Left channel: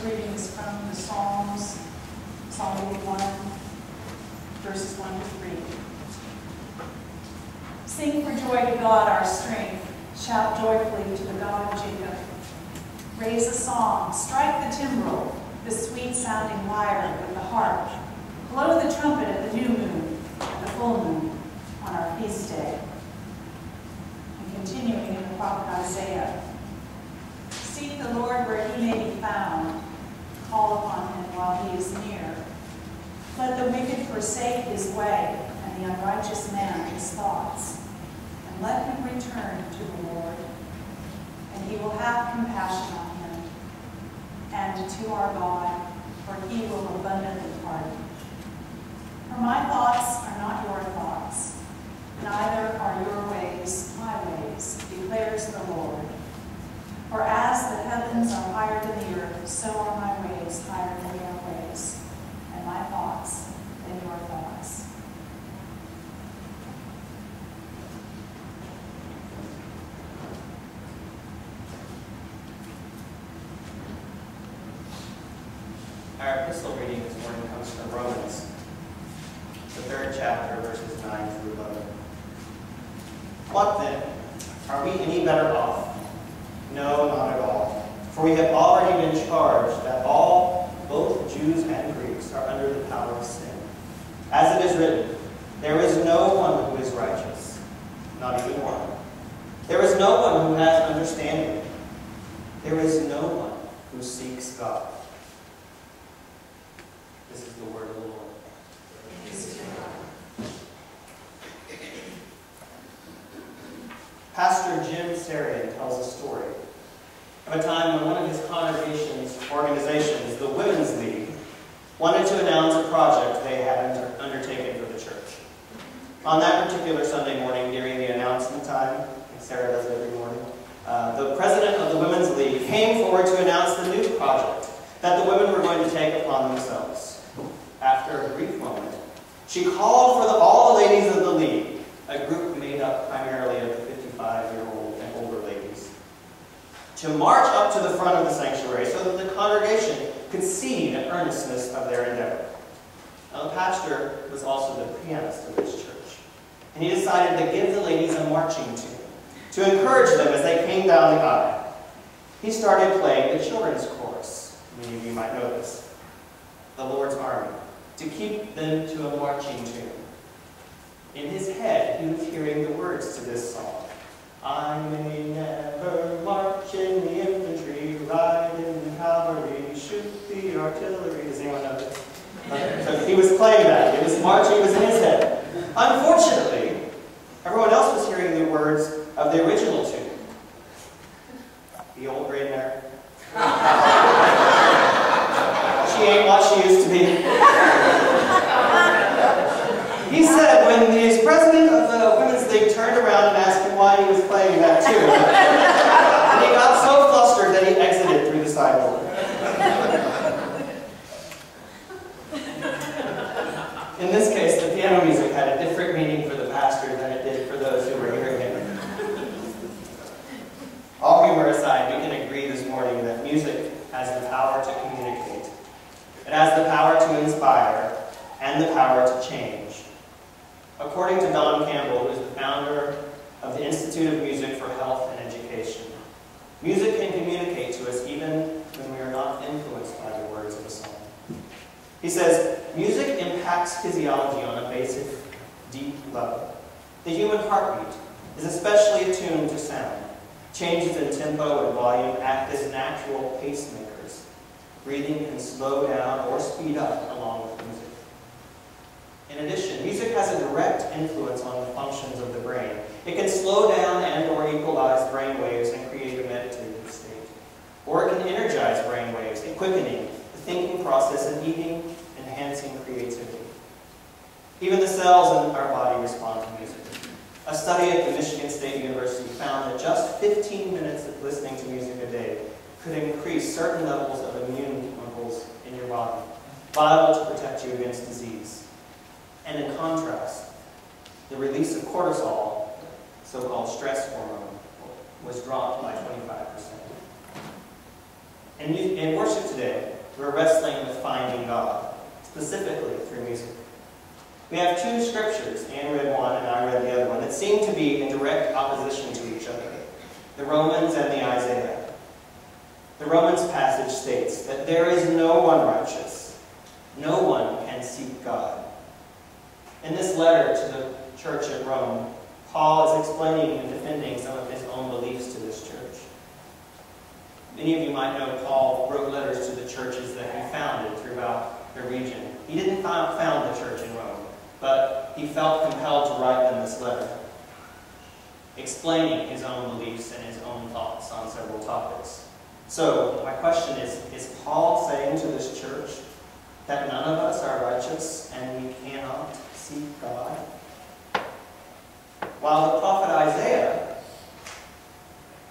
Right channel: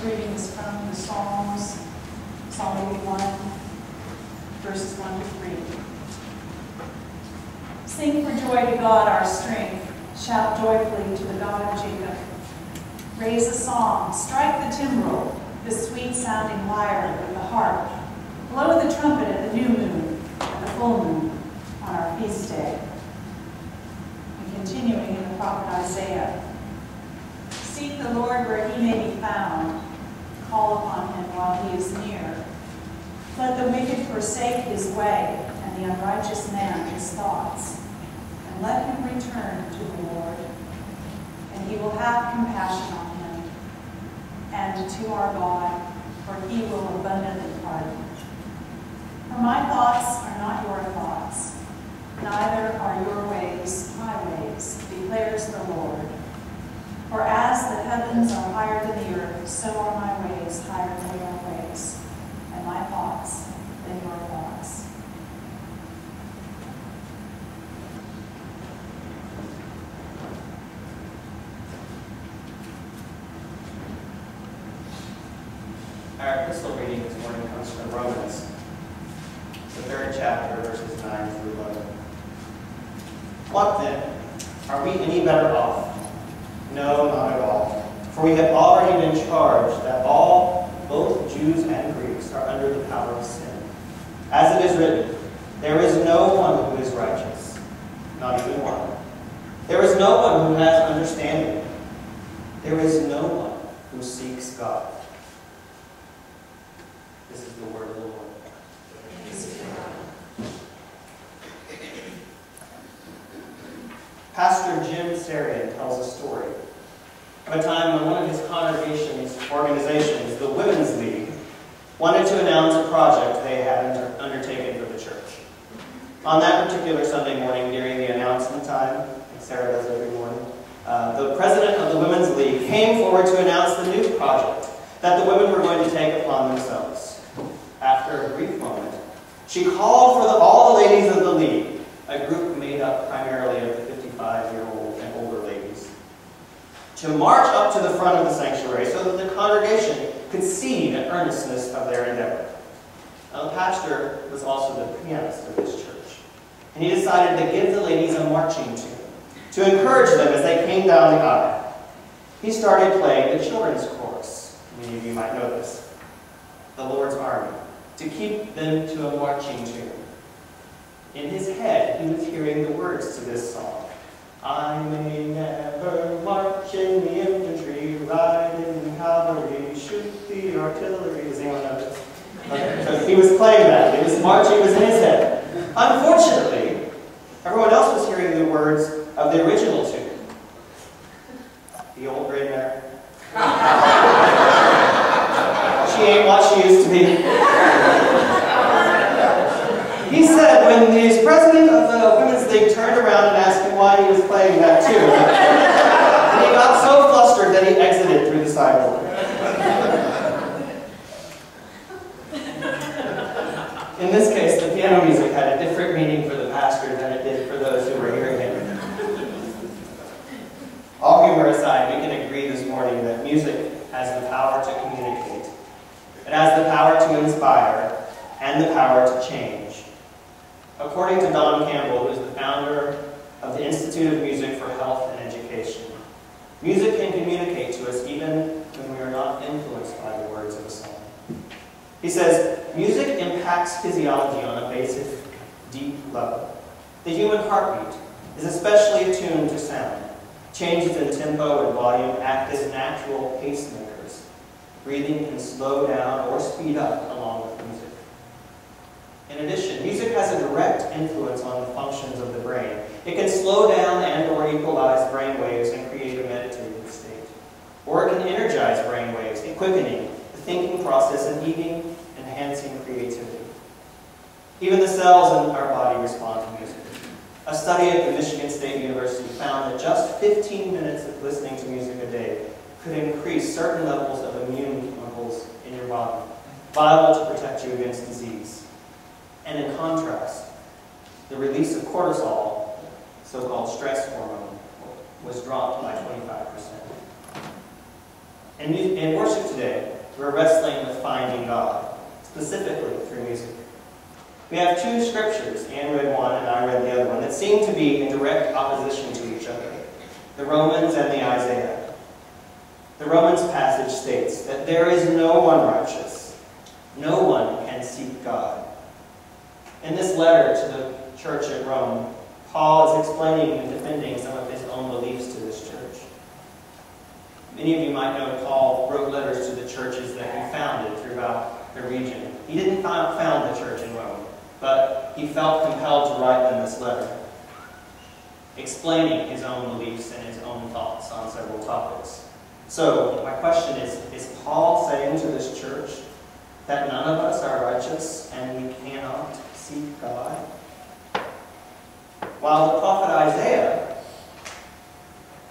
first reading is from the Psalms, Psalm 81, verses 1 to 3. Sing for joy to God our strength. Shout joyfully to the God of Jacob. Raise a song, strike the timbrel, the sweet-sounding lyre with the harp. Blow the trumpet at the new moon and the full moon on our feast day. And continuing in the prophet Isaiah, seek the Lord where he may be found. Call upon him while he is near. Let the wicked forsake his way, and the unrighteous man his thoughts. And let him return to the Lord, and he will have compassion on him, and to our God, for he will abundantly pardon. For my thoughts are not your thoughts, neither are your ways my ways, declares the Lord. For as the heavens are higher than the earth, so are my ways higher than your ways, and my thoughts than your thoughts. Our epistle reading this morning comes from Romans, the 3rd chapter, verses 9 through 11. What then? Are we any better off? No, not at all. For we have already been charged that all, both Jews and Greeks, are under the power of sin. As it is written, there is no one who is righteous, not even one. There is no one who has understanding. There is no one who seeks God. This is the word of the Lord. Pastor Jim Sarian tells a story of a time when one of his congregation's organizations, the Women's League, wanted to announce a project they had undertaken for the church. On that particular Sunday morning, during the announcement time, like Sarah does every morning, the president of the Women's League came forward to announce the new project that the women were going to take upon themselves. After a brief moment, she called for all the ladies of the league, a group made up primarily of the 55-year-old and older ladies, to march up to the front of the sanctuary so that the congregation could see the earnestness of their endeavor. Now, the pastor was also the pianist of this church, and he decided to give the ladies a marching tune to encourage them as they came down the aisle. He started playing the children's chorus. Many of you might know this. The Lord's Army, to keep them to a marching tune. In his head, he was hearing the words to this song. I may never march in the infantry, ride in the cavalry, shoot the artillery. Does anyone know this? So he was playing that. It was marching was in his head. Unfortunately, everyone else was hearing the words of the original tune. The old gray mare. She ain't what she used to be. He said when the president of the Women's League turned around and asked him why he was playing that tune, and he got so flustered that he exited through the side door. In this case, the piano music had a different meaning for the pastor than it did for those who were hearing him. All humor aside, we can agree this morning that music has the power to communicate. It has the power to inspire and the power to change. According to Don Campbell, who is the founder of the Institute of Music for Health and Education, music can communicate to us even when we are not influenced by the words of a song. He says, music impacts physiology on a basic, deep level. The human heartbeat is especially attuned to sound. Changes in tempo and volume act as natural pacemakers. Breathing can slow down or speed up along with music. In addition, music has a direct influence on the functions of the brain. It can slow down and or equalize brain waves and create a meditative state. Or it can energize brain waves, quickening the thinking process and even enhancing creativity. Even the cells in our body respond to music. A study at the Michigan State University found that just 15 minutes of listening to music a day could increase certain levels of immune chemicals in your body, vital to protect you against disease. And in contrast, the release of cortisol, so-called stress hormone, was dropped by 25%. In worship today, we're wrestling with finding God, specifically through music. We have two scriptures, Anne read one and I read the other one, that seem to be in direct opposition to each other, the Romans and the Isaiah. The Romans passage states that there is no one righteous. No one can seek God. In this letter to the church at Rome, Paul is explaining and defending some of his own beliefs to this church. Many of you might know Paul wrote letters to the churches that he founded throughout the region. He didn't found the church in Rome, but he felt compelled to write them this letter, explaining his own beliefs and his own thoughts on several topics. So, my question is Paul saying to this church that none of us are righteous and we cannot seek God? While the prophet Isaiah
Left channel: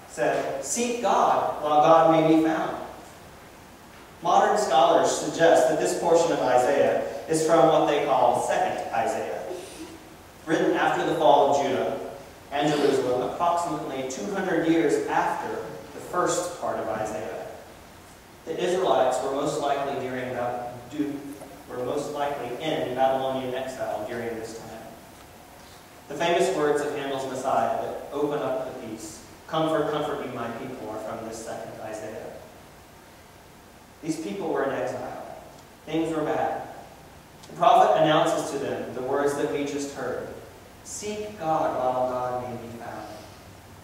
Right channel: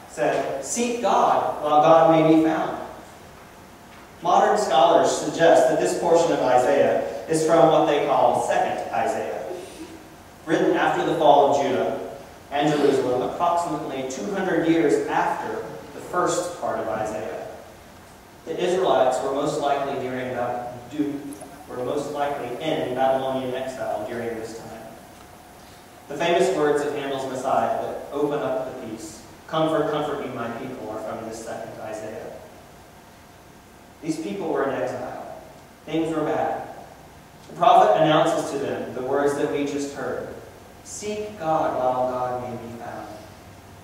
said, "Seek God while God may be found." Modern scholars suggest that this portion of Isaiah is from what they call Second Isaiah, written after the fall of Judah and Jerusalem, approximately 200 years after the first part of Isaiah. The Israelites were most likely in Babylonian exile during this time. The famous words of Handel's Messiah that open up the piece, "Comfort, comfort me, my people," are from this second Isaiah. These people were in exile. Things were bad. The prophet announces to them the words that we just heard. Seek God while God may be found.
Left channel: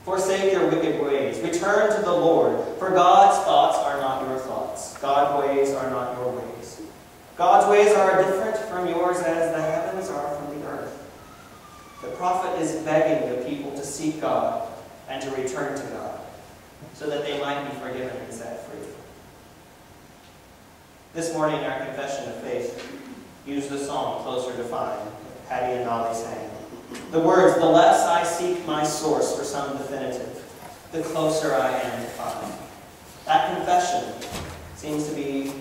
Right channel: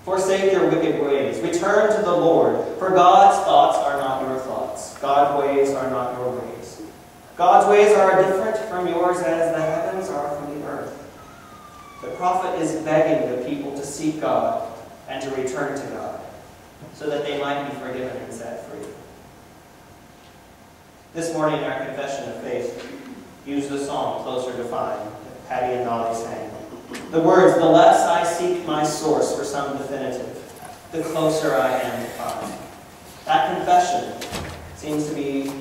Forsake your wicked ways. Return to the Lord, for God's thoughts are not your thoughts. God's ways are not your ways. God's ways are different from yours as the heavens are from the earth. The prophet is begging the people to seek God and to return to God, so that they might be forgiven and set free. This morning, our confession of faith used the song "Closer to Find" that Patty and Dolly sang. The words, "The less I seek my source for some definitive, the closer I am to find." That confession seems to be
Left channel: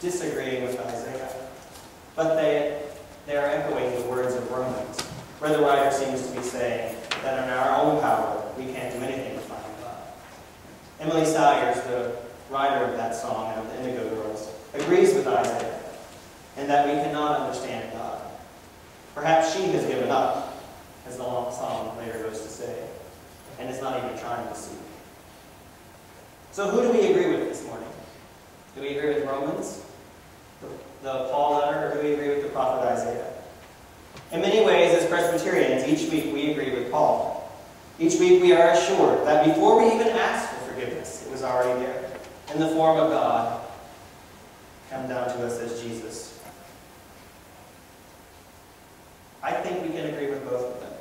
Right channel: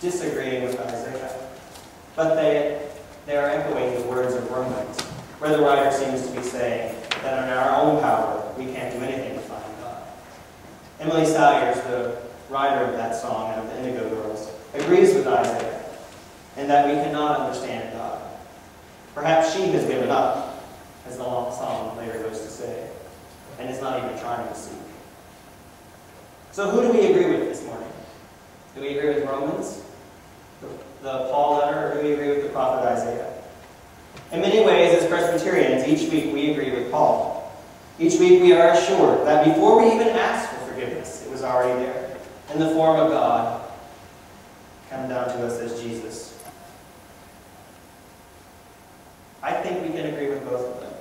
disagreeing with Isaiah, but they are echoing the words of Romans, where the writer seems to be saying that in our own power, we can't do anything to find God. Emily Sayers, the writer of that song and of the Indigo Girls, agrees with Isaiah in that we cannot understand God. Perhaps she has given up, as the long song later goes to say, and is not even trying to seek. So who do we agree with this morning? Do we agree with Romans, the Paul letter, or do we agree with the prophet Isaiah? In many ways, as Presbyterians, each week we agree with Paul. Each week we are assured that before we even ask for forgiveness, it was already there, in the form of God, come down to us as Jesus. I think we can agree with both of them.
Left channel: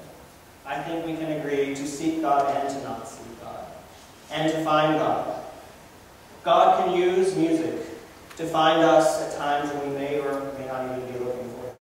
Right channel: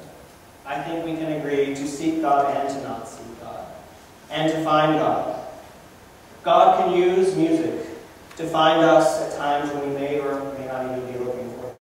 I think we can agree to seek God and to not seek God, and to find God. God can use music to find us at times when we may or may not even be